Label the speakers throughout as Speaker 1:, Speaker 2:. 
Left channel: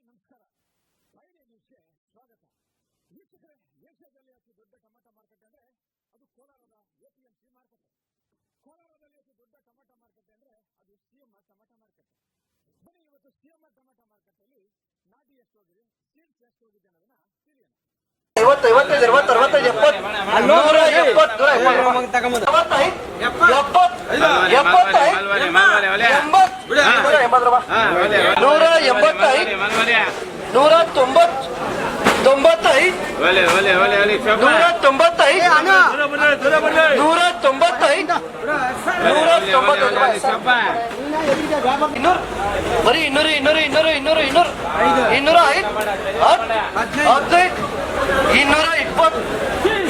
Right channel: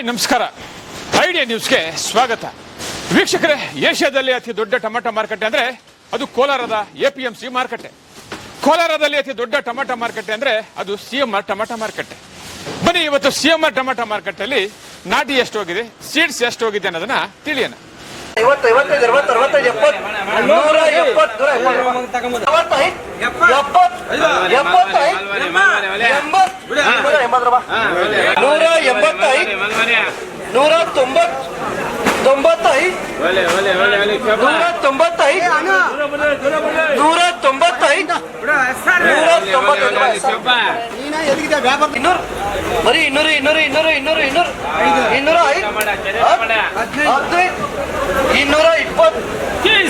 Speaker 1: Hi, ನಮಸ್ಕಾರ. Idea ನ್ಯೂಸ್ಗೆ ಸ್ವಾಗತ. ವೀಕ್ಷಕರೇ, ಏಷ್ಯಾದಲ್ಲಿ ಅತಿ ದೊಡ್ಡ ಟೊಮೆಟೊ ಮಾರುಕಟ್ಟೆ ಅಂದ್ರೆ ಅದು ಕೋಲಾರದ ಎ ಪಿ ಎಂ ಸಿ ಮಾರುಕಟ್ಟೆ. ಕೋಲಾರದಲ್ಲಿ ಅತಿ ದೊಡ್ಡ ಟೊಮೆಟೊ ಮಾರುಕಟ್ಟೆ ಅಂದ್ರೆ ಅದು ಸಿ ಎಂ ಆರ್ ಟೊಮೆಟೊ ಮಾರುಕಟ್ಟೆ. ಬನ್ನಿ, ಇವತ್ತು ಸಿ ಎಂ ಆರ್ ಟೊಮೆಟೊ ಮಾರುಕಟ್ಟೆಯಲ್ಲಿ ನಾಟಿ ಎಷ್ಟು ಹೋಗಿದೆ, ಸೀಡ್ಸ್ ಎಷ್ಟು ಹೋಗಿದೆ ಅನ್ನೋದನ್ನ ತಿಳಿಯೋಣ.
Speaker 2: ಐವತ್ತು, ಐವತ್ತೈದು, ಅರವತ್ತು, ಅರವತ್ತೈದು, ಎಪ್ಪತ್ತು ಎಪ್ಪತ್ತು ಎಪ್ಪತ್ತು ರೂಪಾಯಿ ನೂರ ಎಂಬತ್ತೈದು ನೂರ ತೊಂಬತ್ ತೊಂಬತ್ತೈದು ನೂರ ತೊಂಬತ್ತೈದು ನೂರ ತೊಂಬತ್ತೈದು ನೂರ ತೊಂಬತ್ತೈದು ಇನ್ನೂರು? ಬರೀ ಇನ್ನೂರು ಇನ್ನೂರು ಇನ್ನೂರು ಇನ್ನೂರು ಇನ್ನೂರು. ಇನ್ನೂರ ಐದು? ಹದಿನೈದು? ಇನ್ನೂರ ಇಪ್ಪತ್ತು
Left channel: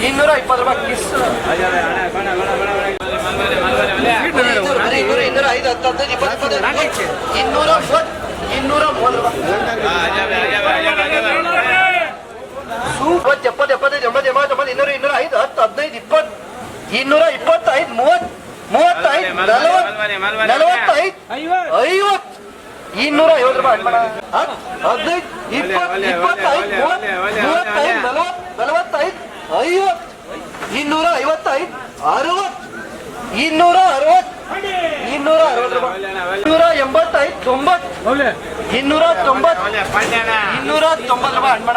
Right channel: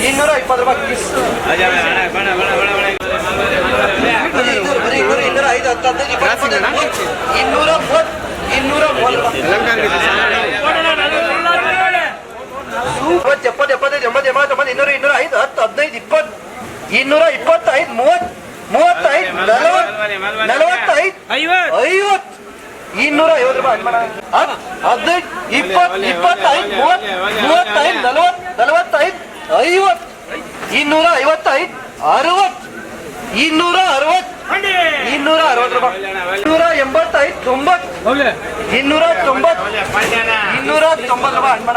Speaker 2: ಇನ್ನೂರ ಇಪ್ಪತ್ತು ರೂಪಾಯಿ ಬರೀ ಇನ್ನೂರು, ಇನ್ನೂರ ಐದು, ಹತ್ತು, ಹದಿನೈದು, ಇಪ್ಪತ್ತು ಇಪ್ಪತ್ತೈದು ಮೂವತ್ತು ಇನ್ನೂರ ಮೂವತ್ತು ಇನ್ನೂರ ಮೂವತ್ತು ರೂಪಾಯಿ ಮೂವತ್ತು ಎಪ್ಪತ್ತು ಎಪ್ಪತ್ತೈದು ಎಂಬತ್ತು ಎಂಬತ್ತು ಒಂಬತ್ತು ಇನ್ನೂರ ಇನ್ನೂರ ಐದು ಹತ್ತು ಹದಿನೈದು ಇಪ್ಪತ್ತು ಇನ್ನೂರ ಇಪ್ಪತ್ತೈದು ಮೂವತ್ತು ಮೂವತ್ತೈದು ನಲವತ್ತು ನಲವತ್ತೈದು ಐವತ್ತು. ಇನ್ನೂರ ಐವತ್ತು ರೂಪಾಯಿ ಹತ್ತು ಹದಿನೈದು ಇಪ್ಪತ್ತು ಇಪ್ಪತ್ತೈದು ಮೂವತ್ತು ಮೂವತ್ತೈದು ನಲವತ್ತು ನಲವತ್ತೈದು ಐವತ್ತು ಇನ್ನೂರ ಐವತ್ತೈದು ಅರವತ್ತು ಇನ್ನೂರ ಅರವತ್ತು ಇನ್ನೂರ ಅರವತ್ತು ರೂಪಾಯಿ. ಇನ್ನೂರ ಎಂಬತ್ತೈದು ತೊಂಬತ್ತು ಇನ್ನೂರ ತೊಂಬತ್ತು ಇನ್ನೂರ ತೊಂಬತ್ತು ರೂಪಾಯಿ ಅನ್ಬೇಡ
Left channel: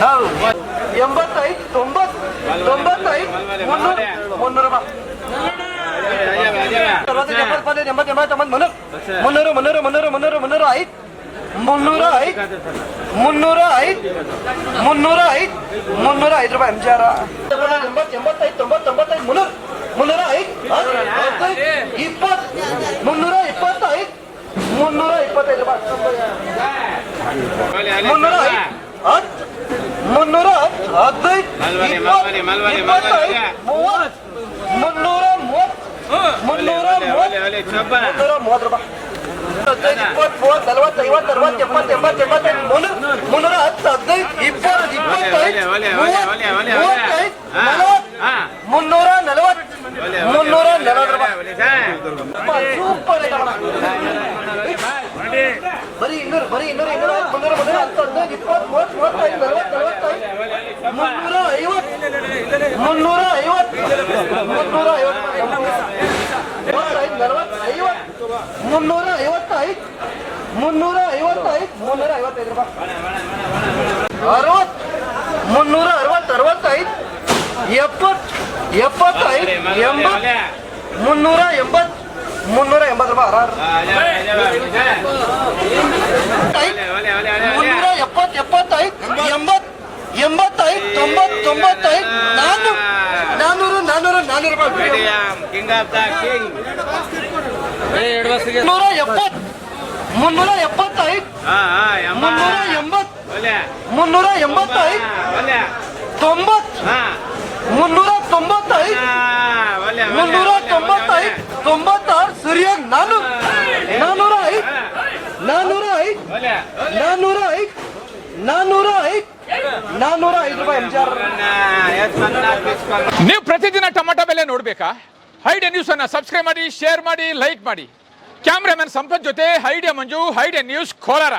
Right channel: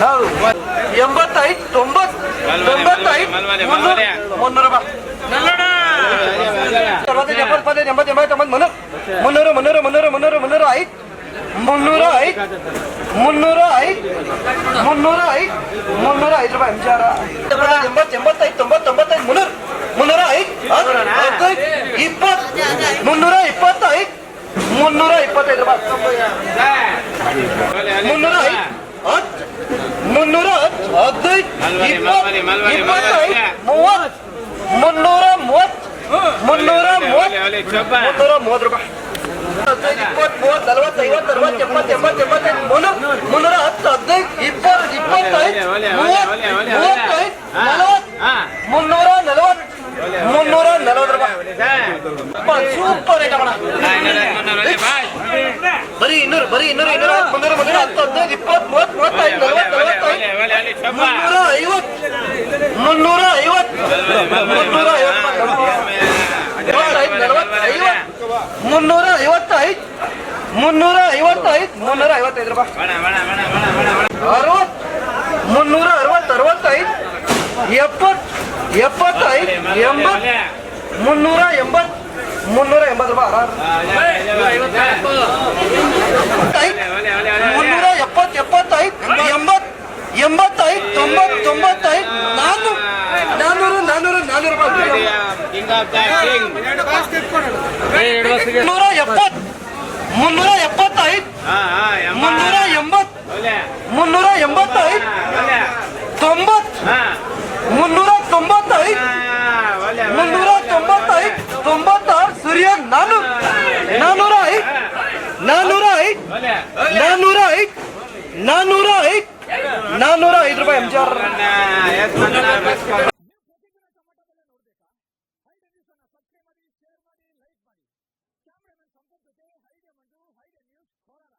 Speaker 2: ಹೌದು. ಎಂಬತ್ತೈದು ತೊಂಬತ್ತು ತೊಂಬತ್ತೈದು, ಮುನ್ನೂರು ಮುನ್ನೂರು ಎಂಬತ್ತು ಎಂಬತ್ತು ಎಂಬತ್ತು ಮುನ್ನೂರು. ಮುನ್ನೂರು ಮುನ್ನೂರು ಮುನ್ನೂರು ಮುನ್ನೂರು ಐದು. ಮುನ್ನೂರ ಐದು. ಮುನ್ನೂರ ಐದು. ಮುನ್ನೂರ ಐದು. ಮುನ್ನೂರ, ಐದು ರೂಪಾಯಿ. ಅಂಜಾರ ಎಂಬತ್ತು ಎಂಬತ್ತೈದು ತೊಂಬತ್ತು ಮುನ್ನೂರು. ಮುನ್ನೂರ, ಐದು. ಹದಿನೈದು, ಇಪ್ಪತ್ತು. ಮುನ್ನೂರ, ಇಪ್ಪತ್ತೈದು. ಮುನ್ನೂರ, ಇಪ್ಪತ್ತೈದು ರೂಪಾಯಿ. ಮುನ್ನೂರ, ಐದು. ಮುನ್ನೂರ ಹತ್ತು ಹದಿನೈದು ಇಪ್ಪತ್ತು ಇಪ್ಪತ್ತೈದು ಮೂವತ್ತು ಮುನ್ನೂರ ಮೂವತ್ತು ಮುನ್ನೂರ ಮೂವತ್ತು ಮುನ್ನೂರ ಮೂವತ್ತು ರೂಪಾಯಿ ಹದಿನೈದು ಇಪ್ಪತ್ತು ಮೂವತ್ತು ನಲವತ್ತು ಐವತ್ತು ಅರವತ್ತು ಎಪ್ಪತ್ತು ಎಂಬತ್ತು ಎಂಬತ್ತೈದು ಮುನ್ನೂರು ಮುನ್ನೂರ ಹತ್ತು ಹದಿನೈದು ಇಪ್ಪತ್ತು ಇಪ್ಪತ್ತೈದು ಮೂವತ್ತು ಮೂವತ್ತೈದು ನಲವತ್ತು ಮುನ್ನೂರ ನಲವತ್ತು ಮುನ್ನೂರ ನಲವತ್ತು ರೂಪಾಯಿ ಸೂಪರ್ ಬರೀ ಇನ್ನೂರು ಬರೀ ಇನ್ನೂರು ಇನ್ನೂರ ಮುನ್ನೂರ ಮುನ್ನೂರ ಹತ್ತು ಹದಿನೈದು ಇಪ್ಪತ್ತು ಮೂವತ್ತು ಮೂವತ್ತೈದು ನಲವತ್ತು ನಲವತ್ತೈದು ಮುನ್ನೂರ ಐವತ್ತು ಮುನ್ನೂರ ಐವತ್ತು ಮುನ್ನೂರ ಐವತ್ತೈದು ನಲವತ್ತು ಐವತ್ತು ಮುನ್ನೂರ ಐವತ್ತೈದು ಮುನ್ನೂರ ಐವತ್ತೈದು ಮುನ್ನೂರ ಐವತ್ತೈದು ರೂಪಾಯಿ ಅರವತ್ತು ಮುನ್ನೂರ ಅರವತ್ತು ಅರವತ್ತೈದು ಎಪ್ಪತ್ತು ಎಪ್ಪತ್ತೈದು ಎಂಬತ್, ಮುನ್ನೂರ ಎಂಬತ್, ಮುನ್ನೂರ ಎಂಬತ್ತು ರೂಪಾಯಿ ಮುನ್ನೂರ ಎಪ್ಪತ್ ಎಪ್ಪತ್ತೈದು ಎಂಬತ್ ಎಂಬತ್ತೈದು ತೊಂಬತ್ ತೊಂಬತ್ತೈದು ನಾನ್ನೂರು ನಾನ್ನೂರು ನಾನ್ನೂರು ನಾನ್ನೂರು ರೂಪಾಯಿ ಎಪ್ಪತ್ತು ಮುನ್ನೂರ ಎಪ್ಪತ್ತೈದು ಮುನ್ನೂರ ಎಂಬತ್ತು ಮುನ್ನೂರ ಎಂಬತ್ತೈದು ತೊಂಬತ್ತು ಮುನ್ನೂರ ತೊಂಬತ್ತೈದು ಮುನ್ನೂರ ತೊಂಬತ್ತೈದು ತೊಂಬತ್ತಾರು ಸರಿಯಾಗಿ ನಾನು. ನಾನ್ನೂರ ಐದು ನಾನ್ನೂರ ಐದು ನಾನ್ನೂರ ಐದು ನಾನ್ನೂರ ಐದು ನಾನ್ನೂರ ಐದು ರೂಪಾಯಿ ಎಂಜಿಆರ್
Speaker 1: ನೀವು ಪ್ರತಿದಿನ ಟೊಮೆಟೊ ಬೆಲೆ ನೋಡ್ಬೇಕಾ? ಹೈಡಿಯ ನ್ಯೂಸ್ ಅನ್ನ ಸಬ್ಸ್ಕ್ರೈಬ್ ಮಾಡಿ ಶೇರ್ ಮಾಡಿ ಲೈಕ್ ಮಾಡಿ. ಕ್ಯಾಮ್ರಾಮನ್ ಸಂಪತ್ ಜೊತೆ ಹೈಡಿಯ ಮಂಜು ಹೈಡಿಯ ನ್ಯೂಸ್ ಕೋಲಾರ.